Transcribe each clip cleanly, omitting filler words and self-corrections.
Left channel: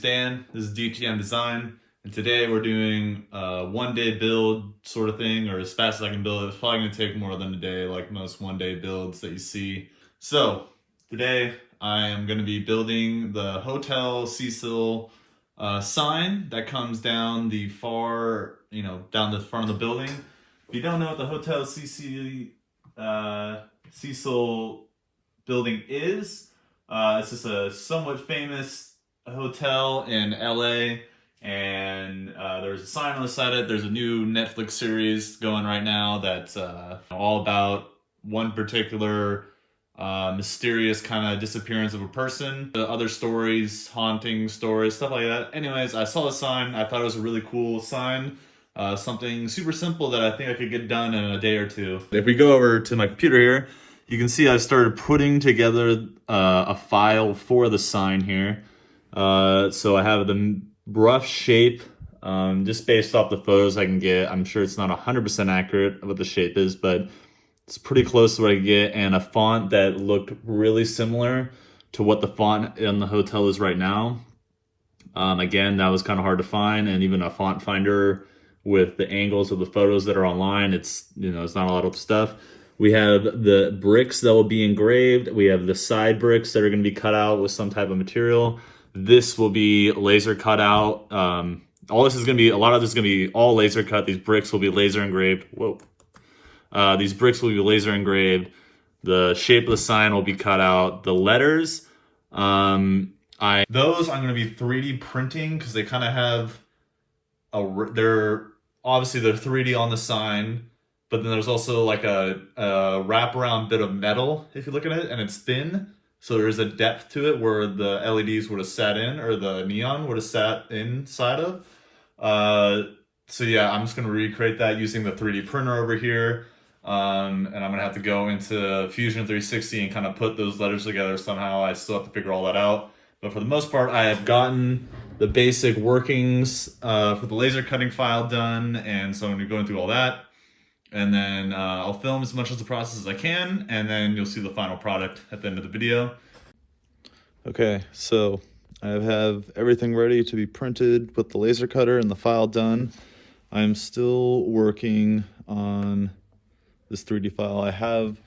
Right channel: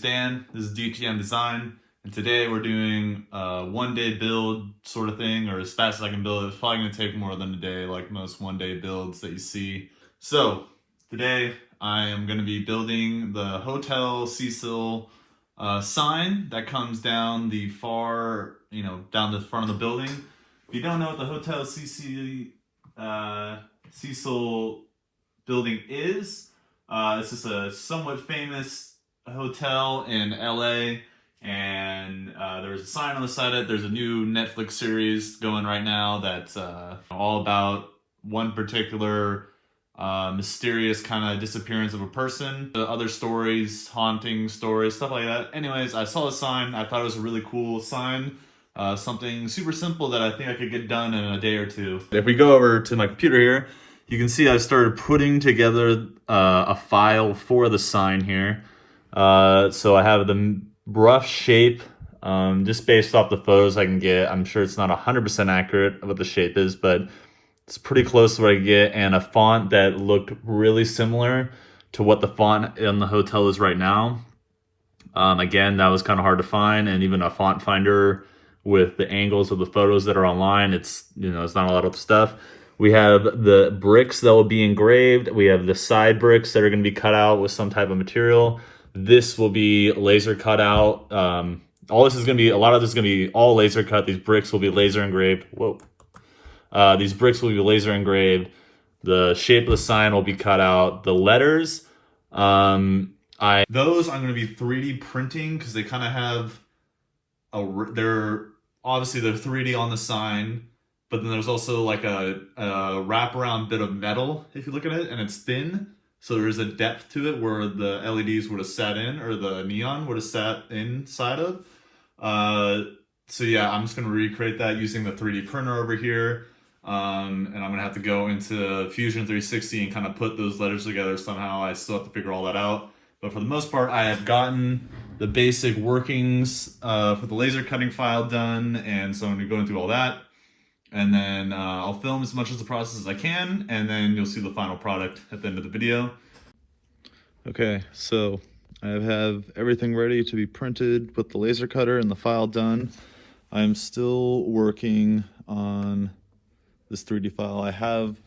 name's Dan. This is dtmdesigned, and today we're doing a one-day build sort of thing, or as fast as I can build it. It's probably going to take more than a day, like most one-day builds that you see. So today I am going to be building the Hotel Cecil sign that comes down the far, down the front of the building. If you don't know what the Hotel Cecil building is, it's just a somewhat famous hotel in LA, and there's a sign on the side of it. There's a new Netflix series going right now that's all about one particular mysterious kind of disappearance of a person. The other stories, haunting stories, stuff like that. Anyways, I saw the sign. I thought it was a really cool sign. Something super simple that I think I could get done in a day or two. If we go over to my computer here, you can see I started putting together a file for the sign here. So I have the rough shape, just based off the photos I can get. I'm sure it's not 100% accurate of what the shape is, but it's pretty close to what I get, and a font that looked really similar to what the font in the hotel is right now. Again, that was kind of hard to find, and even a font finder with the angles of the photos that are online, it's not a lot of stuff. We have the bricks that will be engraved. We have the side bricks that are going to be cut out with some type of material. This will be laser cut out. All this is going to be, a lot of this is going to be all laser cut. These bricks will be laser engraved. Whoa. These bricks will be laser engraved. The shape of the sign will be cut out. The letters, those I'm going to be 3D printing because they kind of have they're 3D on the sign, but then there's also like a wraparound bit of metal if you look at it, and it's thin, so there's a depth to it where the LEDs would have sat in, or the neon would have sat inside of. So yeah, I'm just going to recreate that using the 3D printer over here. And I'm going to have to go into Fusion 360 and kind of put those letters together somehow. I still have to figure all that out. But for the most part, I have gotten the basic workings for the laser cutting file done. And so I'm going to go through all that. And then I'll film as much of the process as I can. And then you'll see the final product at the end of the video. Okay, so I have everything ready to be printed with the laser cutter and the file done. I'm still working on this 3D file. I have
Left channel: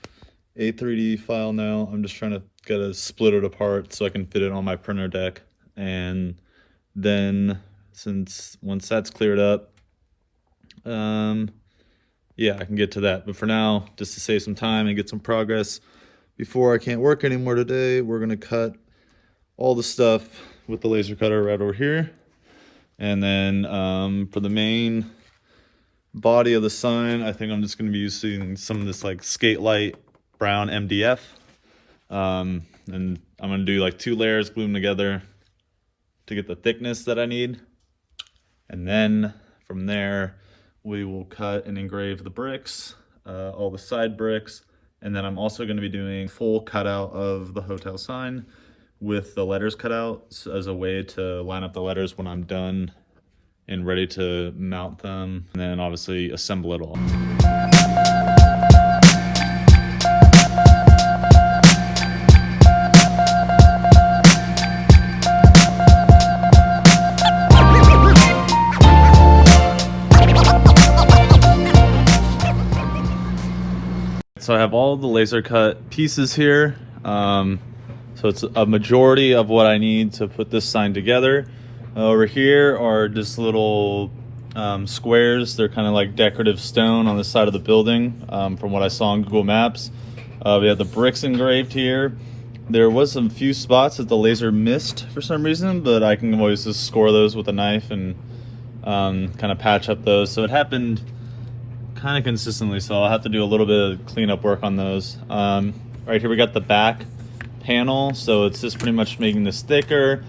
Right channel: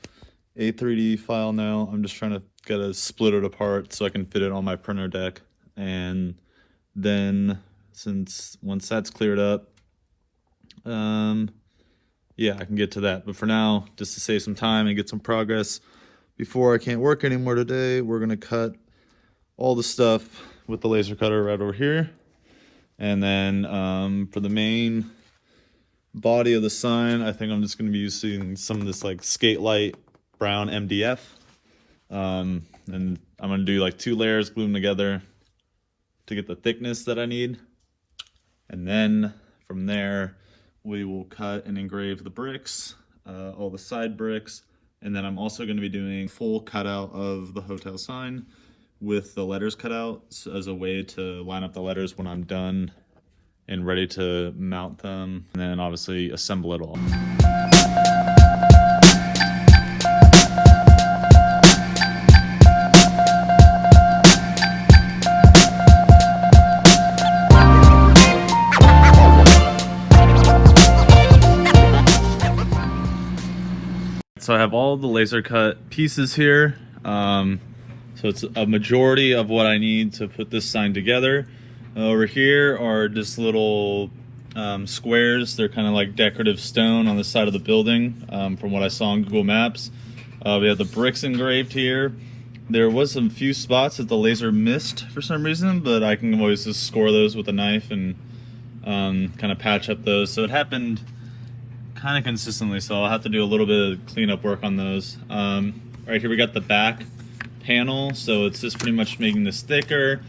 a 3D file now. I'm just trying to split it apart so I can fit it on my printer deck. And then once that's cleared up, yeah, I can get to that. But for now, just to save some time and get some progress before I can't work anymore today, we're gonna cut all the stuff with the laser cutter right over here. And then for the main body of the sign, I think I'm just going to be using some of this like skate light brown MDF. And I'm going to do like 2 layers, glue them together to get the thickness that I need. And then from there, we will cut and engrave the bricks, all the side bricks. And then I'm also going to be doing full cutout of the hotel sign with the letters cut out as a way to line up the letters when I'm done and ready to mount them, and then obviously assemble it all. So I have all the laser cut pieces here. So it's a majority of what I need to put this sign together. Over here are just little squares. They're kind of like decorative stone on the side of the building, from what I saw on Google Maps. We have the bricks engraved here. There was some few spots that the laser missed for some reason, but I can always just score those with a knife and kind of patch up those. So it happened kind of consistently, so I'll have to do a little bit of cleanup work on those. Right here we got the back panel, so it's just pretty much making this thicker.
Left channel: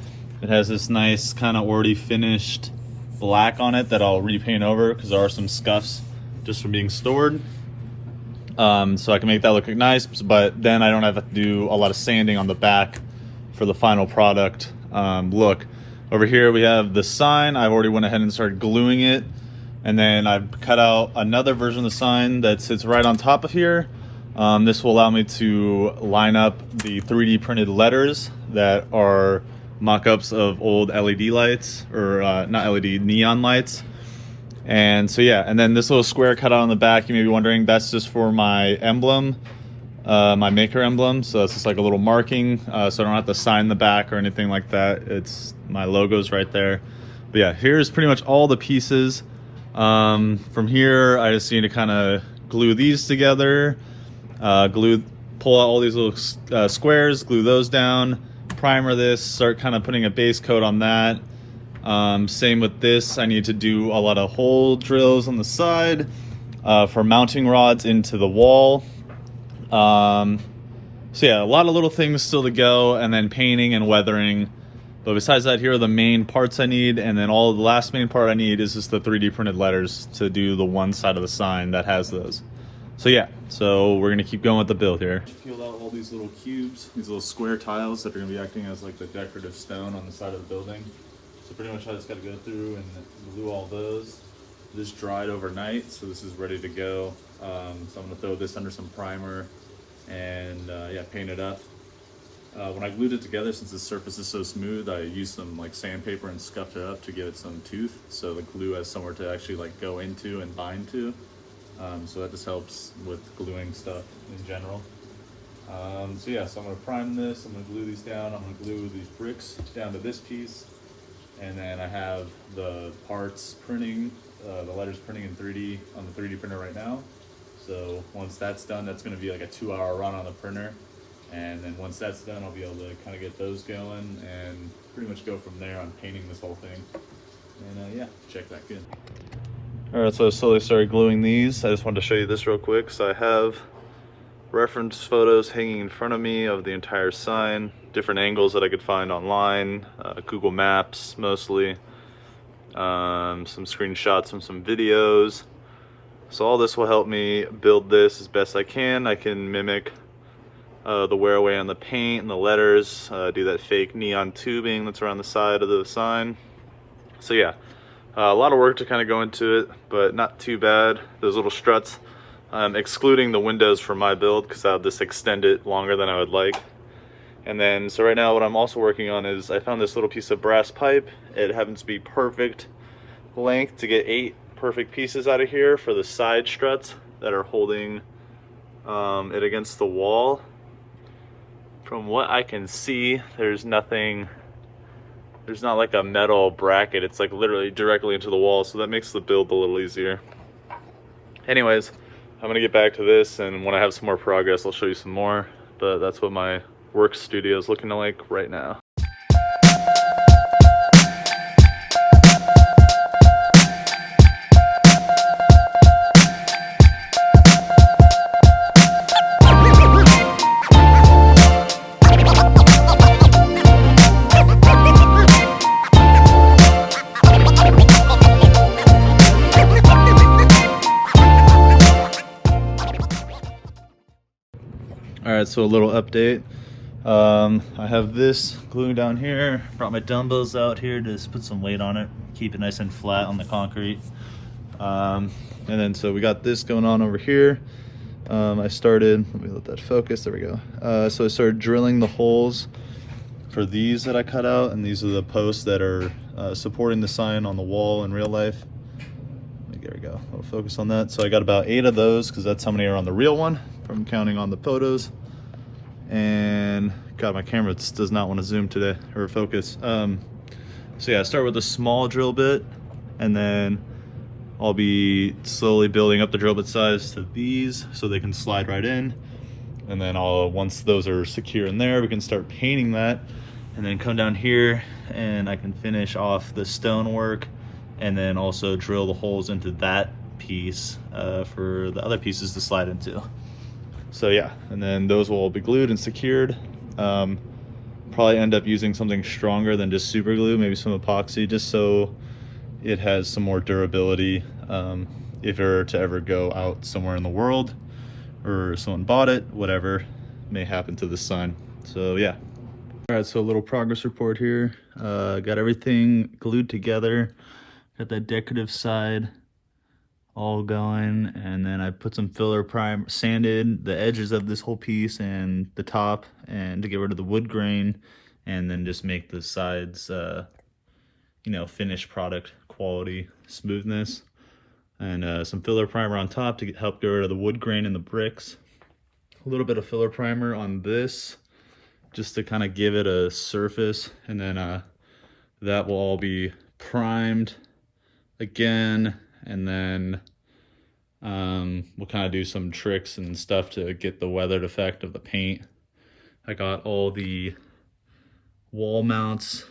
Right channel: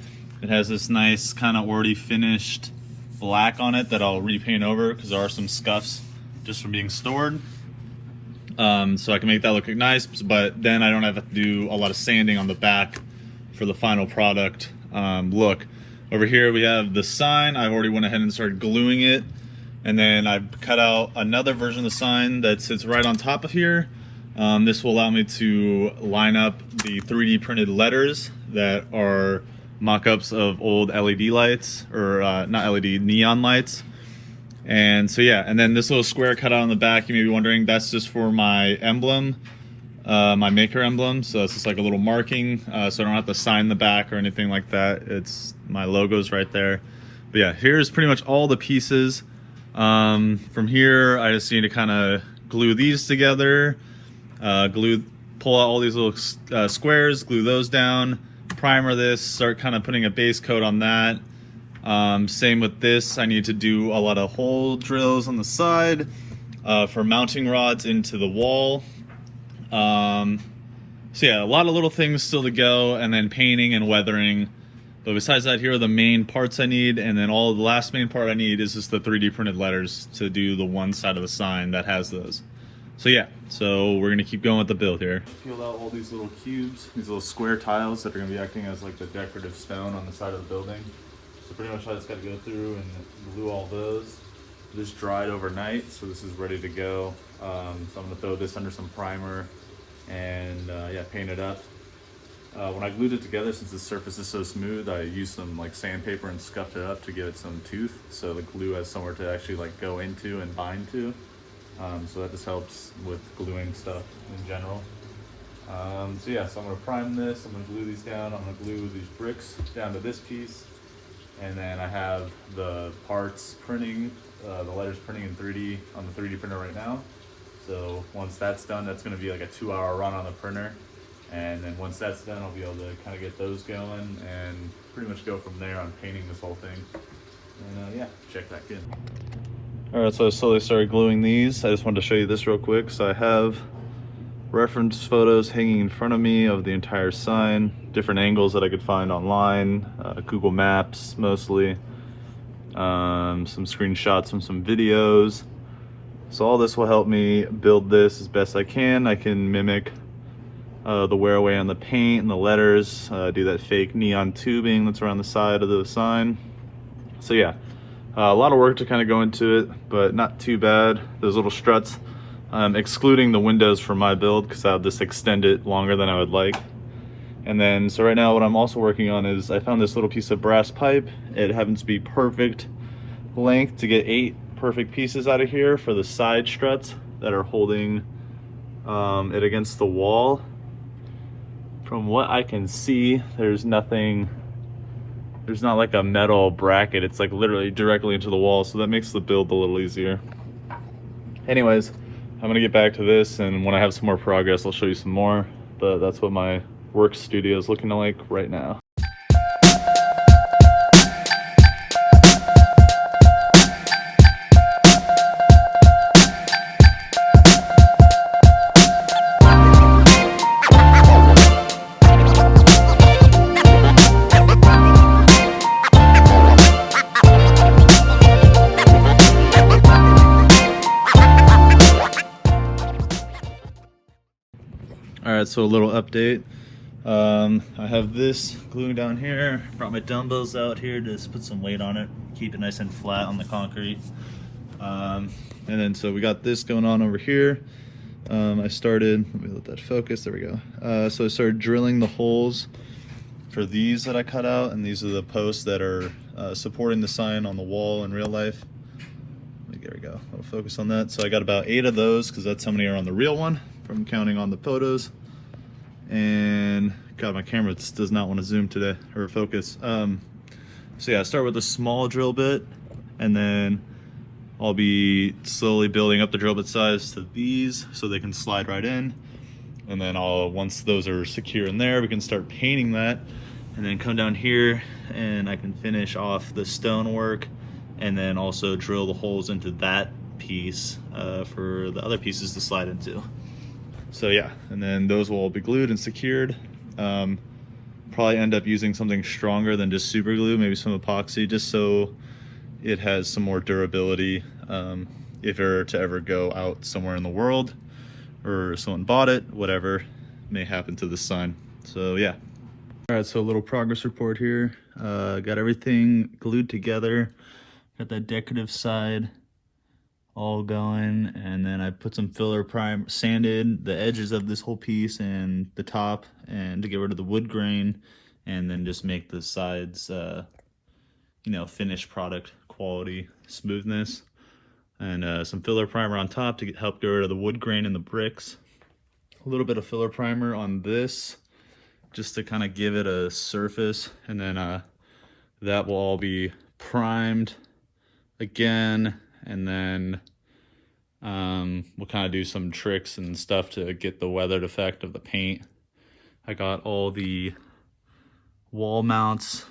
It has this nice kind of already finished black on it that I'll repaint over because there are some scuffs just from being stored. So I can make that look nice, but then I don't have to do a lot of sanding on the back for the final product look. Over here we have the sign. I've already went ahead and started gluing it. And then I've cut out another version of the sign that sits right on top of here. This will allow me to line up the 3D printed letters that are mock-ups of old LED lights, or not LED, neon lights. And so yeah, and then this little square cut out on the back, you may be wondering, that's just for my emblem, my maker emblem. So that's just like a little marking, so I don't have to sign the back or anything like that. It's my logo's right there. But yeah, here's pretty much all the pieces. From here, I just need to kind of glue these together, pull out all these little squares, glue those down, primer this, start kind of putting a base coat on that. Same with this, I need to do a lot of hole drills on the side for mounting rods into the wall. So yeah, a lot of little things still to go, and then painting and weathering. But besides that, here are the main parts I need, and then the last main part I need is just the 3D printed letters to do the one side of the sign that has those. So yeah, so we're gonna keep going with the build here. Peeled out all these little cubes, these little square tiles that are gonna be acting as like the decorative stone on the side of the building. So pretty much I just gotta go through and glue all those. This dried overnight, so this is ready to go. So I'm gonna throw this under some primer and yeah, paint it up. When I glued it together, since the surface is so smooth, I used some like sandpaper and scuffed it up to give it some tooth, so the glue has somewhere to actually like go into and bind to. So that just helps with gluing stuff in general. So yeah, so I'm gonna prime this, I'm gonna glue these down, I'm gonna glue these bricks down to this piece, and then I have the parts printing, the letters printing in 3D on the 3D printer right now. So once that's done, that's gonna be like a 2-hour run on the printer. And then once that's done, I'll be able to kind of get those going and pretty much go from there on painting this whole thing. And yeah, check back in. All right, so I slowly started gluing these. I just wanted to show you this real quick. So I have reference photos hanging in front of me of the entire sign, different angles that I could find online, Google Maps mostly, some screenshots from some videos. So all this will help me build this as best I can. I can mimic the wear away on the paint and the letters, do that fake neon tubing that's around the side of the sign. So yeah, a lot of work to kind of go into it, but not too bad. Those little struts, excluding the windows for my build, because I'll just extend it longer than I would like. And then, so right now what I'm also working on is I found this little piece of brass pipe. It happens to be perfect length to get 8 perfect pieces out of here for the side struts that are holding it against the wall. From what I can see, there's not like a metal bracket. It's like literally directly into the wall, so that makes the build a little easier. Anyways, I'm gonna get back to this, and when I have some more progress, I'll show you some more. But that's what my work studio is looking like right now. Alright, so a little update. I have this gluing down here. Brought my dumbbells out here to just put some weight on it, keep it nice and flat on the concrete. And then so we got this going on over here. I started, let me let that focus, there we go. So I started drilling the holes for these that I cut out, and these are the posts that are supporting the sign on the wall in real life. There we go, I'll focus on that. So I got about 8 of those, because that's how many are on the real one from counting on the photos. And God, my camera just does not want to zoom today or focus. So yeah, I start with a small drill bit, and then I'll be slowly building up the drill bit size to these so they can slide right in. And then once those are secure in there, we can start painting that, and then come down here and I can finish off the stonework, and then also drill the holes into that piece for the other pieces to slide into. So yeah, and then those will all be glued and secured. Probably end up using something stronger than just super glue, maybe some epoxy, just so it has some more durability if it were to ever go out somewhere in the world, or someone bought it, whatever may happen to this sign. So yeah. All right, so a little progress report here. Got everything glued together. Got that decorative side all going, and then I put some filler sanded the edges of this whole piece and the top, and to get rid of the wood grain, and then just make the sides, finished product quality smoothness. And some filler primer on top to help get rid of the wood grain in the bricks. A little bit of filler primer on this just to kind of give it a surface, and then that will all be primed again, and then we'll kind of do some tricks and stuff to get the weathered effect of the paint. I got all the wall mounts,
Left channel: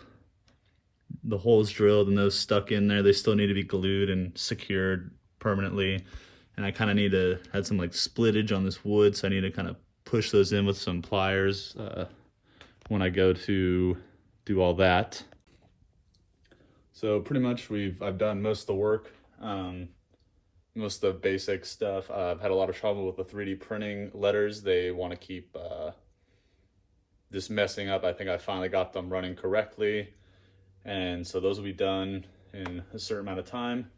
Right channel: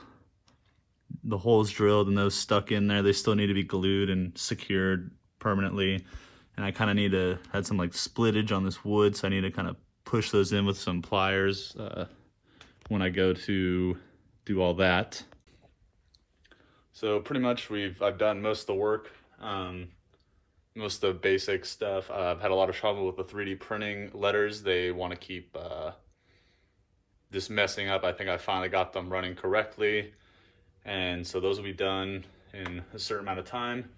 the holes drilled and those stuck in there. They still need to be glued and secured permanently. And I kind of need to had some like splittage on this wood, so I need to kind of push those in with some pliers when I go to do all that. So pretty much I've done most of the work, most of the basic stuff. I've had a lot of trouble with the 3D printing letters. They want to keep just messing up. I think I finally got them running correctly, and so those will be done in a certain amount of time.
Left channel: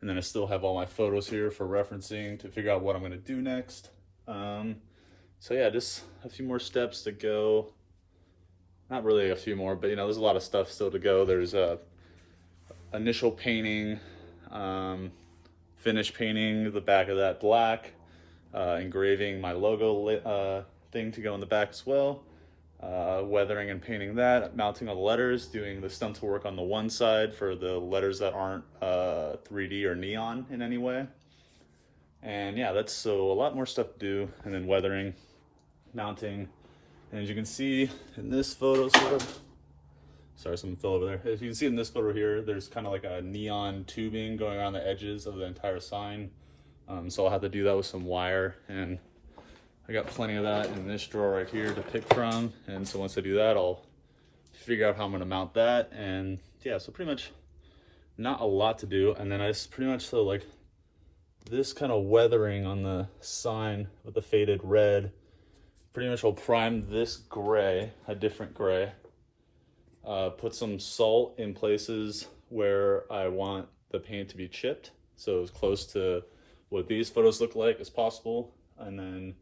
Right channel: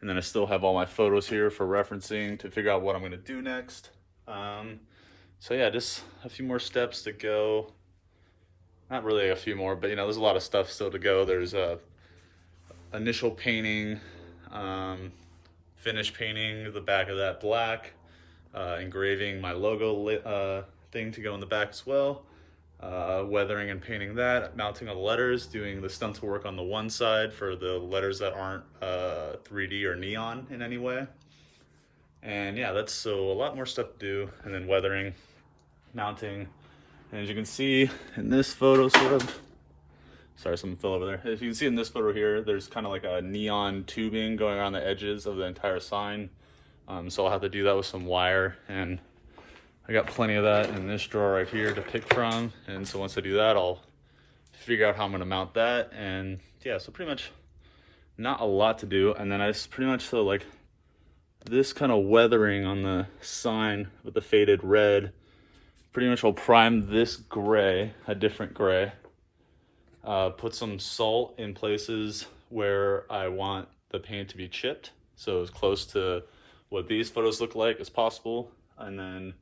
And then I still have all my photos here for referencing to figure out what I'm going to do next. So yeah, just a few more steps to go. Not really a few more, but there's a lot of stuff still to go. There's initial painting, finish painting the back of that black, engraving my logo thing to go in the back as well, weathering and painting that, mounting all the letters, doing the stencil work on the one side for the letters that aren't 3D or neon in any way. And yeah, that's so a lot more stuff to do. And then weathering, mounting, and as you can see in this photo, sorry, something fell over there. As you can see in this photo here, there's kind of like a neon tubing going around the edges of the entire sign. So I'll have to do that with some wire, and I got plenty of that in this drawer right here to pick from. And so once I do that, I'll figure out how I'm gonna mount that. And yeah, so pretty much not a lot to do. And then I just pretty much, so like this kind of weathering on the sign with the faded red, pretty much will prime this gray, a different gray. Put some salt in places where I want the paint to be chipped, so as close to what these photos look like as possible. And then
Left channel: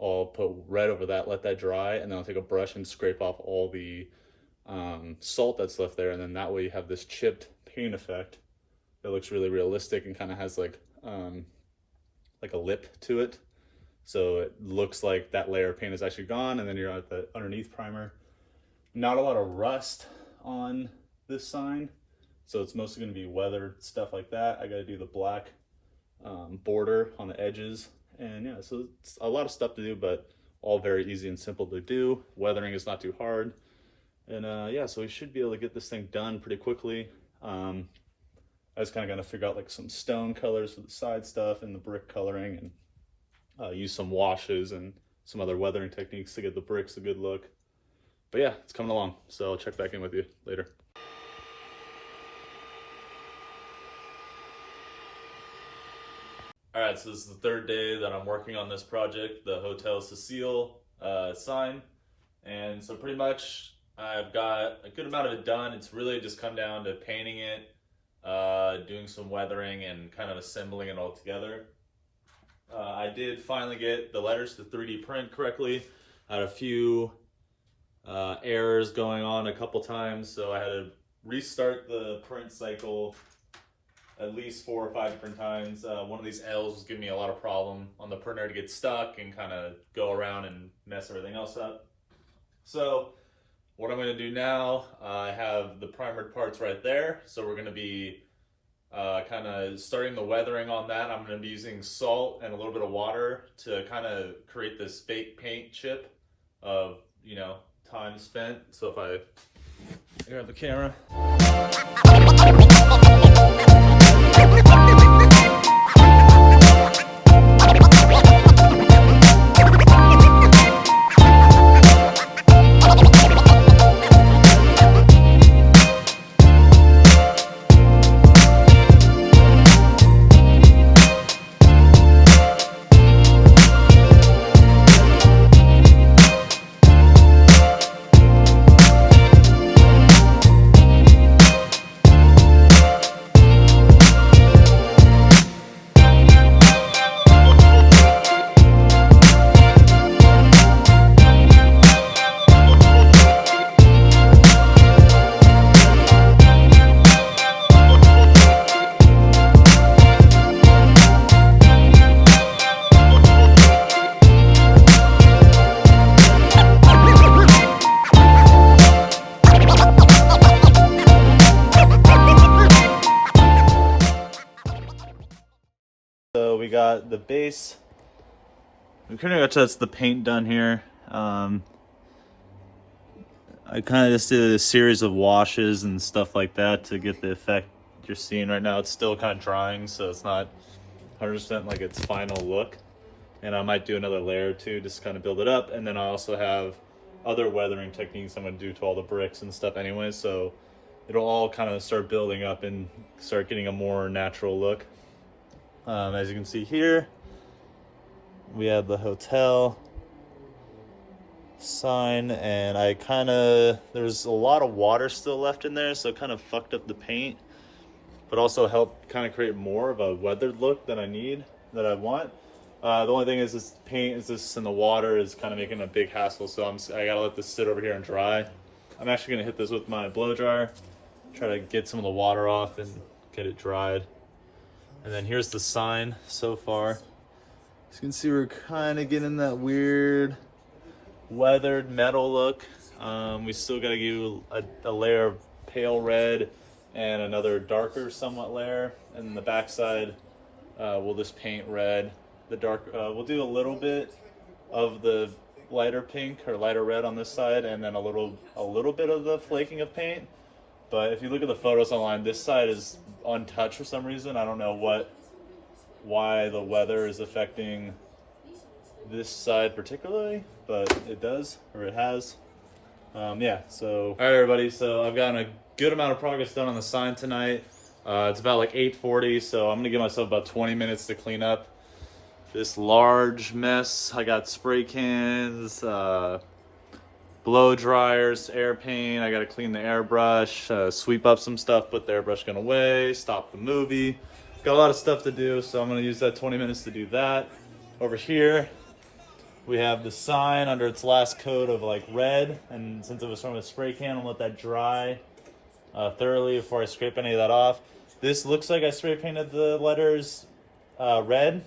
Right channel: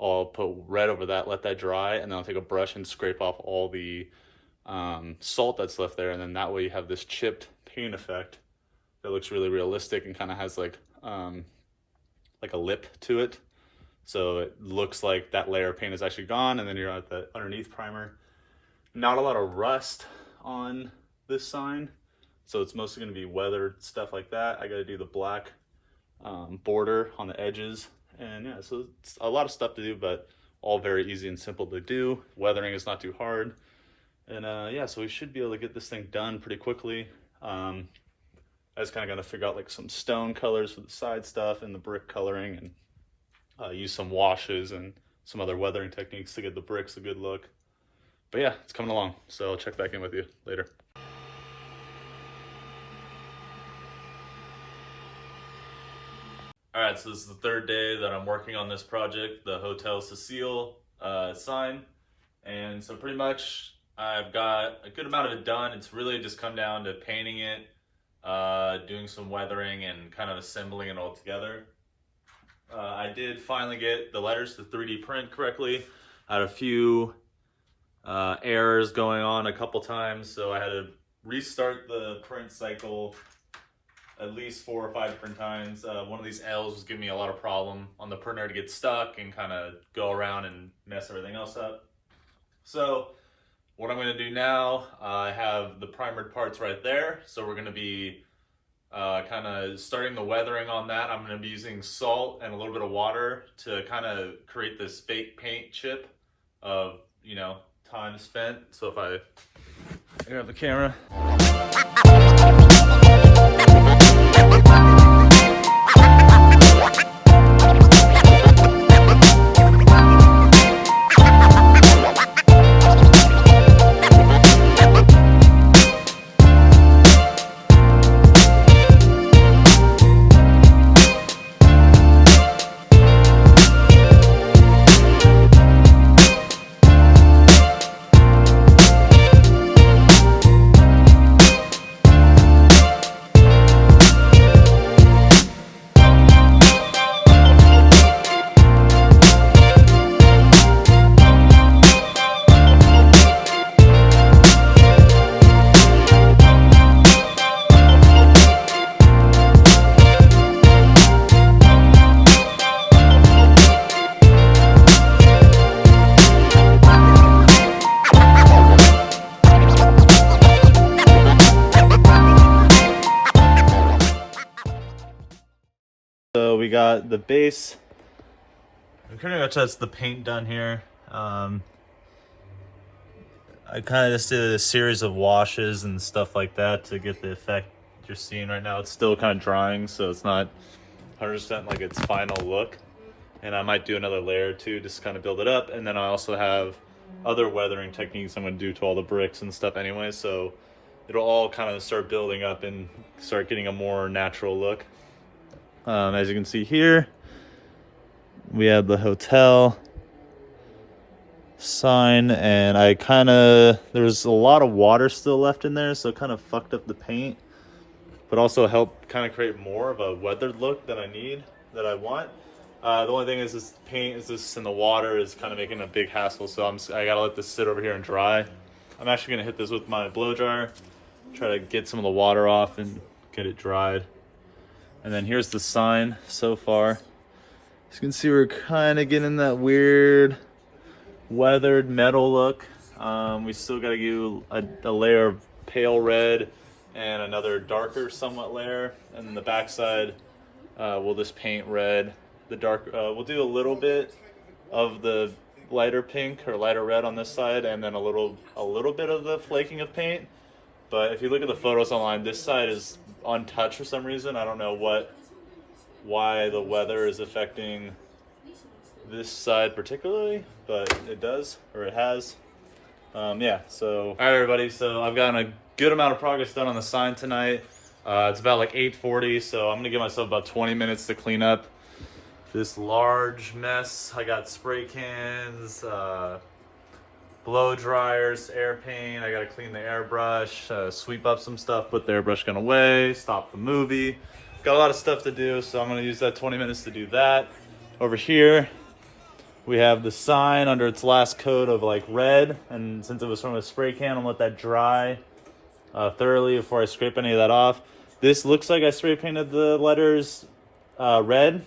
I'll put red over that, let that dry, and then I'll take a brush and scrape off all the salt that's left there. And then that way you have this chipped paint effect that looks really realistic and kind of has like a lip to it. So it looks like that layer of paint is actually gone, and then you're at the underneath primer. Not a lot of rust on this sign, so it's mostly going to be weathered stuff like that. I got to do the black border on the edges, and yeah, so it's a lot of stuff to do, but all very easy and simple to do. Weathering is not too hard, and yeah, so we should be able to get this thing done pretty quickly. I was kind of going to figure out like some stone colors for the side stuff and the brick coloring, and use some washes and some other weathering techniques to get the bricks a good look. But yeah, it's coming along, so I'll check back in with you later. All right, so this is the third day that I'm working on this project, the Hotel Cecil sign. And so pretty much I've got a good amount of it done. It's really just come down to painting it, doing some weathering, and kind of assembling it all together. I did finally get the letters to 3D print correctly. I had a few errors going on a couple times, so I had to restart the print cycle at least 4 or 5 different times. One of these L's was giving me a lot of problem on the printer to get stuck and kind of go around and mess everything else up. So what I'm going to do now, I have the primered parts right there, so we're going to be kind of starting the weathering on that. I'm going to be using salt and a little bit of water to kind of create this fake paint chip of, time spent. So if I grab the camera. we got the base. We pretty much has the paint done here. I kind of just did a series of washes and stuff like that to get the effect you're seeing right now. It's still kind of drying, so it's not 100% like its final look. And I might do another layer or two just kind of build it up. And then I also have other weathering techniques I'm going to do to all the bricks and stuff anyway, so it'll all kind of start building up and start getting a more natural look. As you can see here, we have the hotel sign, and there's a lot of water still left in there, so it kind of fucked up the paint, but also helped kind of create more of a weathered look that I want. The only thing is this paint is just in the water is kind of making a big hassle, so I gotta let this sit over here and dry. I'm actually gonna hit this with my blow dryer, try to get some of the water off and get it dried. And then here's the sign so far. As you can see, we're kind of getting that weird weathered metal look. We still gotta give a layer of pale red and another darker somewhat layer, and then the backside we'll just paint red. The dark, we'll do a little bit of the lighter pink or lighter red on this side, and then a little bit of the flaking of paint. But if you look at the photos online, this side is untouched for some reason. I don't know why the weather is affecting this side particularly, but it does, or it has. Yeah, so all right everybody, so I've gotten a good amount of progress done on the sign tonight. It's about like 8:40, so I'm gonna give myself about 20 minutes to clean up this large mess. I got spray cans, blow dryers, air paint. I gotta clean the airbrush, sweep up some stuff, put the airbrush gun away, stop the movie. Got a lot of stuff to do, so I'm gonna use that 20 minutes to do that. Over here, we have the sign under its last coat of like red, and since it was from a spray can, I'm gonna let that dry thoroughly before I scrape any of that off. This looks like I spray painted the letters red,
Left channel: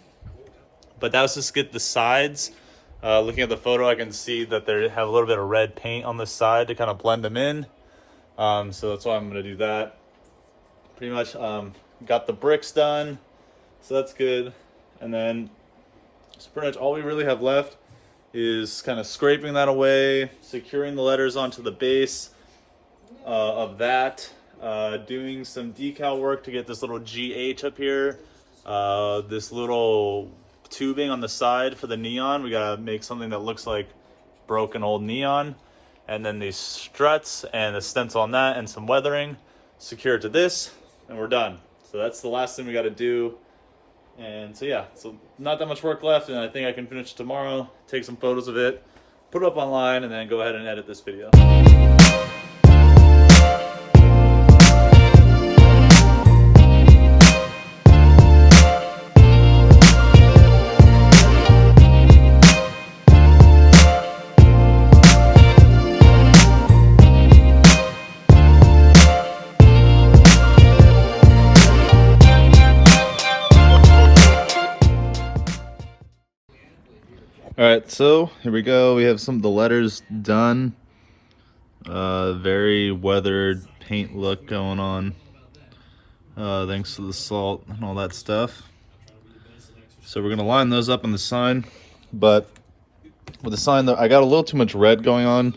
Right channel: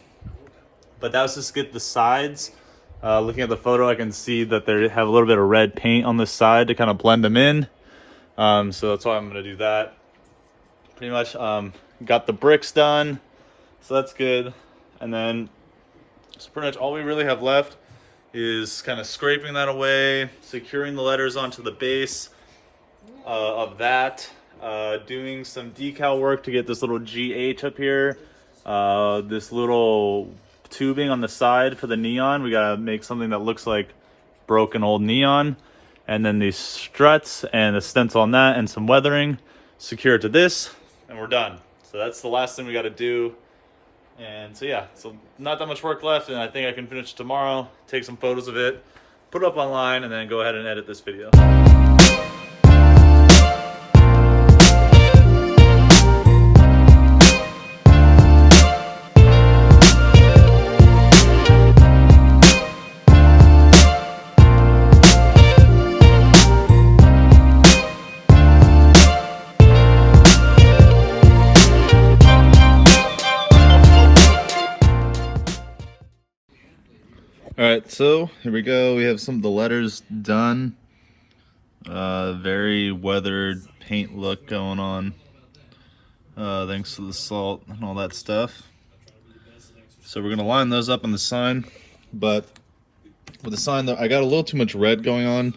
but that was just get the sides. Looking at the photo, I can see that they have a little bit of red paint on the side to kind of blend them in. So that's why I'm gonna do that. Pretty much got the bricks done, so that's good. And then so pretty much all we really have left is kind of scraping that away, securing the letters onto the base of that, doing some decal work to get this little GH up here, this little tubing on the side for the neon. We gotta make something that looks like broken old neon, and then these struts and a stencil on that and some weathering, secure it to this, and we're done. So that's the last thing we got to do. And so yeah, so not that much work left, and I think I can finish tomorrow, take some photos of it, put it up online, and then go ahead and edit this video. All right, so here we go. We have some of the letters done. Very weathered paint look going on. Thanks to the salt and all that stuff. So we're gonna line those up on the sign, but with the sign, I got a little too much red going on.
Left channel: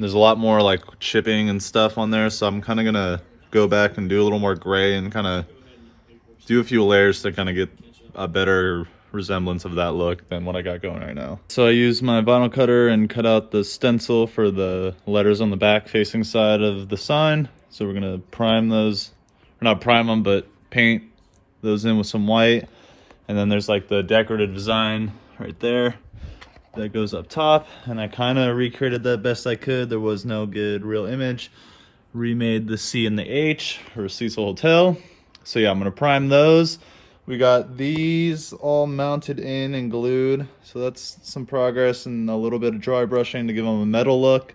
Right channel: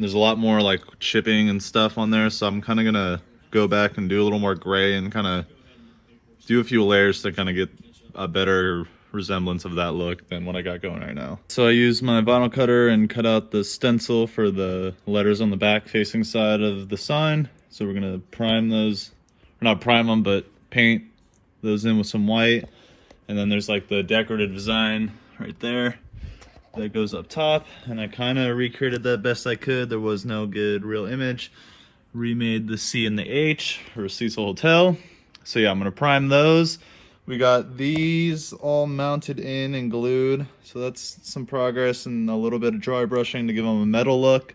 There's a lot more like chipping and stuff on there, so I'm kind of gonna go back and do a little more gray and kind of do a few layers to kind of get a better resemblance of that look than what I got going right now. So I used my vinyl cutter and cut out the stencil for the letters on the back facing side of the sign. So we're gonna prime those, or not prime them, but paint those in with some white. And then there's like the decorative design right there that goes up top. And I kind of recreated that best I could. There was no good real image. Remade the C and the H for Cecil Hotel. So yeah, I'm gonna prime those. We got these all mounted in and glued, so that's some progress, and a little bit of dry brushing to give them a metal look.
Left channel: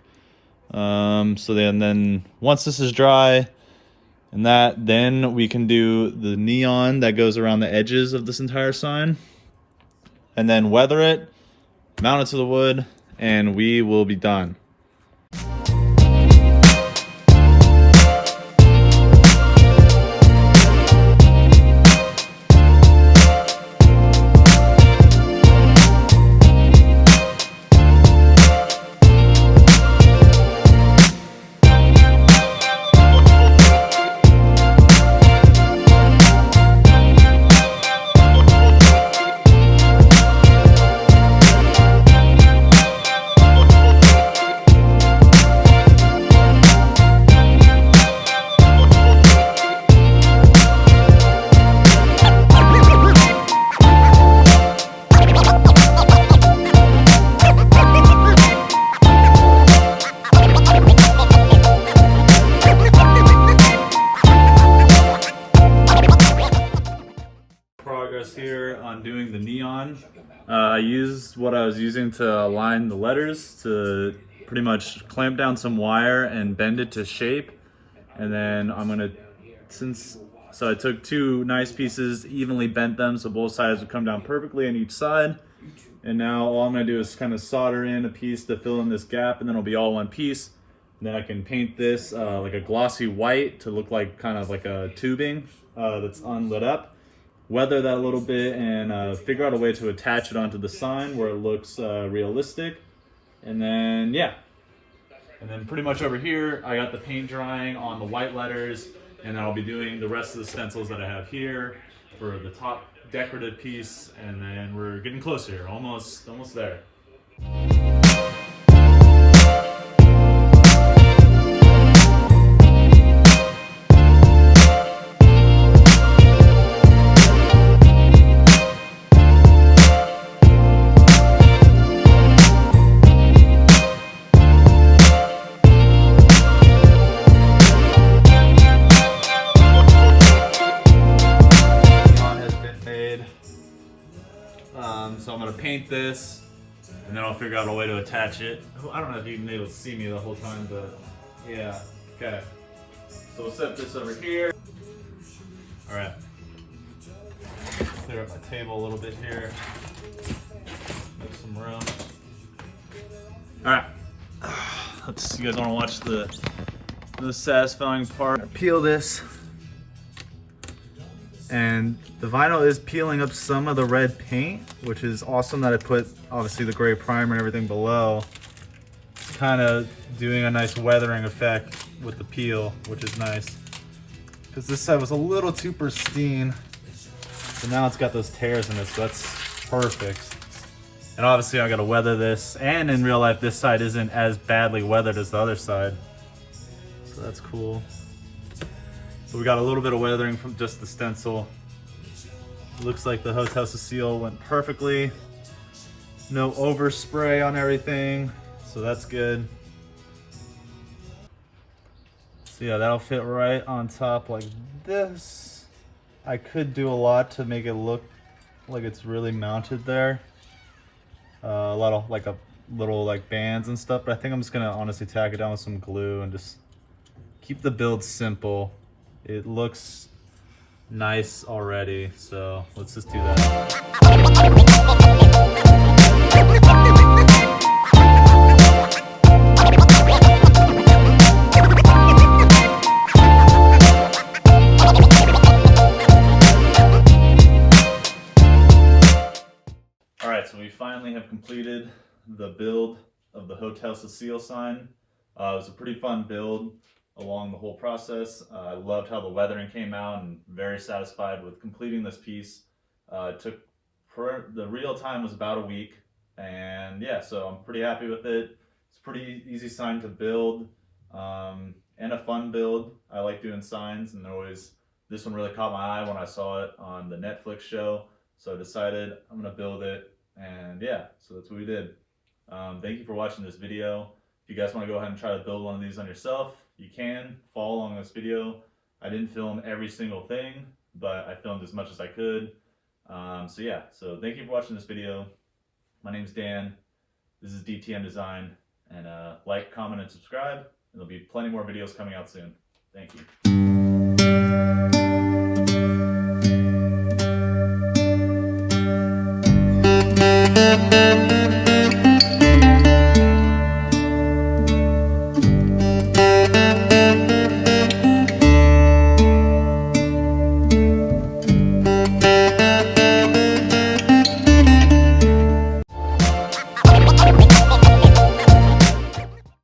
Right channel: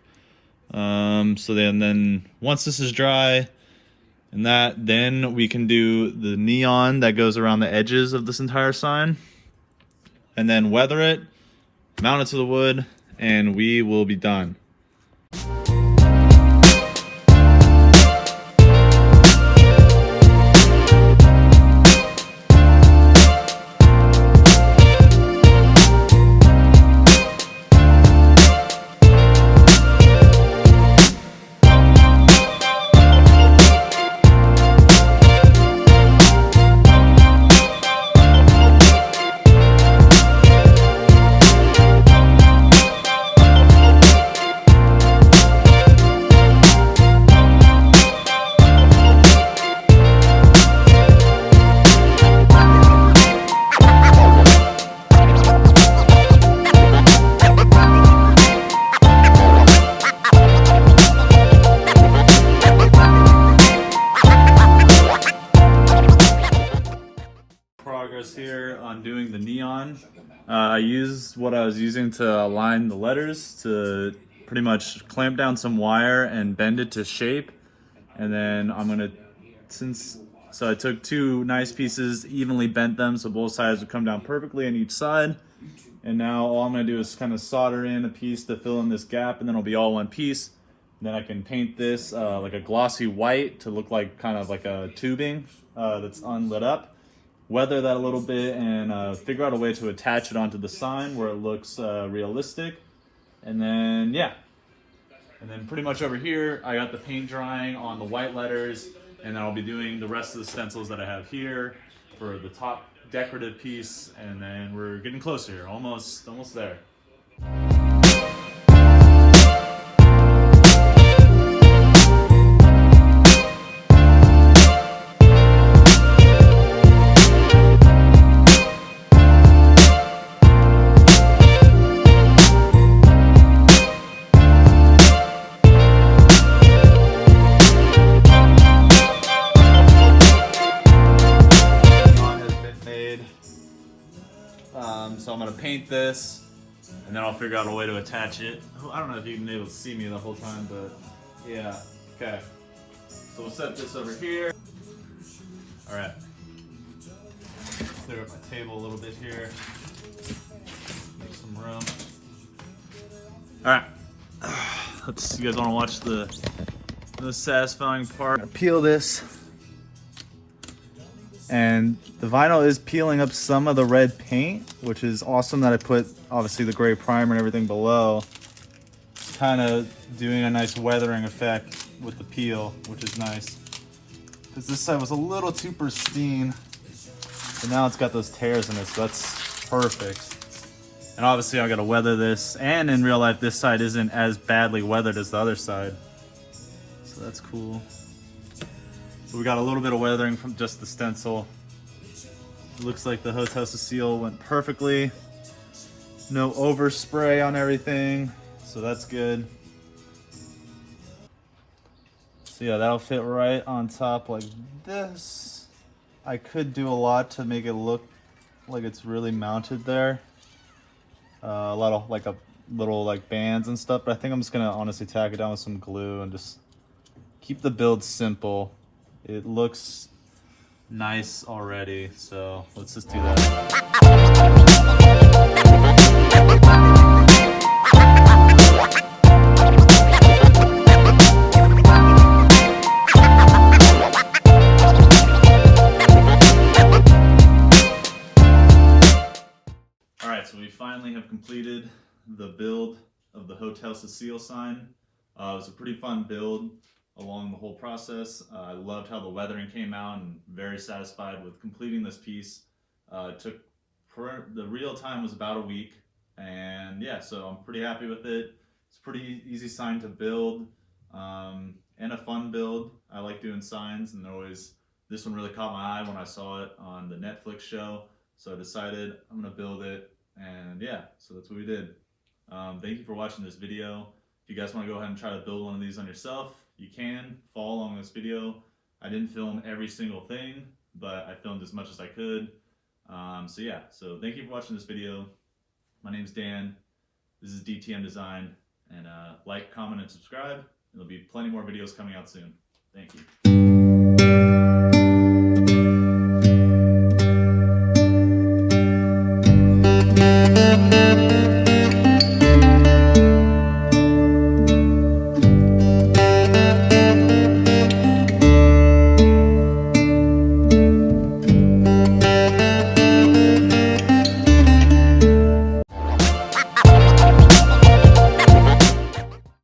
So then once this is dry, and then we can do the neon that goes around the edges of this entire sign, and then weather it, mount it to the wood, and we will be done. on doing the neon. I used what I was using to align the letters to pretty much clamp down some wire and bend it to shape. And then I'm gonna, so I took two nice pieces, evenly bent them so both sides would come down perfectly on each side. And now all I'm gonna do is kind of solder in a piece to fill in this gap, and then it'll be all one piece. And then I can paint this like a glossy white to look like kind of like a tubing that's unlit up. Weather that a little bit and figure out a way to attach it onto the sign where it looks realistic. And then, yeah. And then pretty much over here, I got the paint drying on the white letters, and then I'll be doing the rest of the stencils that I have here for the top decorative piece, and then we're getting closer here, almost there. So I'm gonna paint this, and then I'll figure out a way to attach it. I don't know if you've been able to see me the whole time, but yeah, okay. So we'll set this over here. All right. Clear up my table a little bit here. Make some room. All right. You guys wanna watch the satisfying part? Peel this. And the vinyl is peeling up some of the red paint, which is awesome that I put obviously the gray primer and everything below. It's kind of doing a nice weathering effect with the peel, which is nice. Because this side was a little too pristine, so now it's got those tears in it, so that's perfect. And obviously I gotta weather this, and in real life this side isn't as badly weathered as the other side. So that's cool. But we got a little bit of weathering from just the stencil. It looks like the Hotel Cecil went perfectly. No overspray on everything, so that's good. So yeah, that'll fit right on top like this. I could do a lot to make it look like it's really mounted there. A lot of like little like bands and stuff, but I think I'm just gonna honestly tack it down with some glue and just keep the build simple. It looks nice already, so let's just do that. All right, so we finally have completed the build of the Hotel Cecil sign. It was a pretty fun build along the whole process. I loved how the weathering came out and very satisfied with completing this piece. It took, the real time was about a week, and yeah, so I'm pretty happy with it. It's a pretty easy sign to build and a fun build. I like doing signs, and this one really caught my eye when I saw it on the Netflix show, so I decided I'm gonna build it, and yeah, so that's what we did. Thank you for watching this video. If you guys want to go ahead and try to build one of these on yourself, you can follow along this video. I didn't film every single thing, but I filmed as much as I could. So yeah, so thank you for watching this video. My name's Dan. This is dtmdesigned, and like, comment, and subscribe. And there'll be plenty more videos coming out soon. Thank you.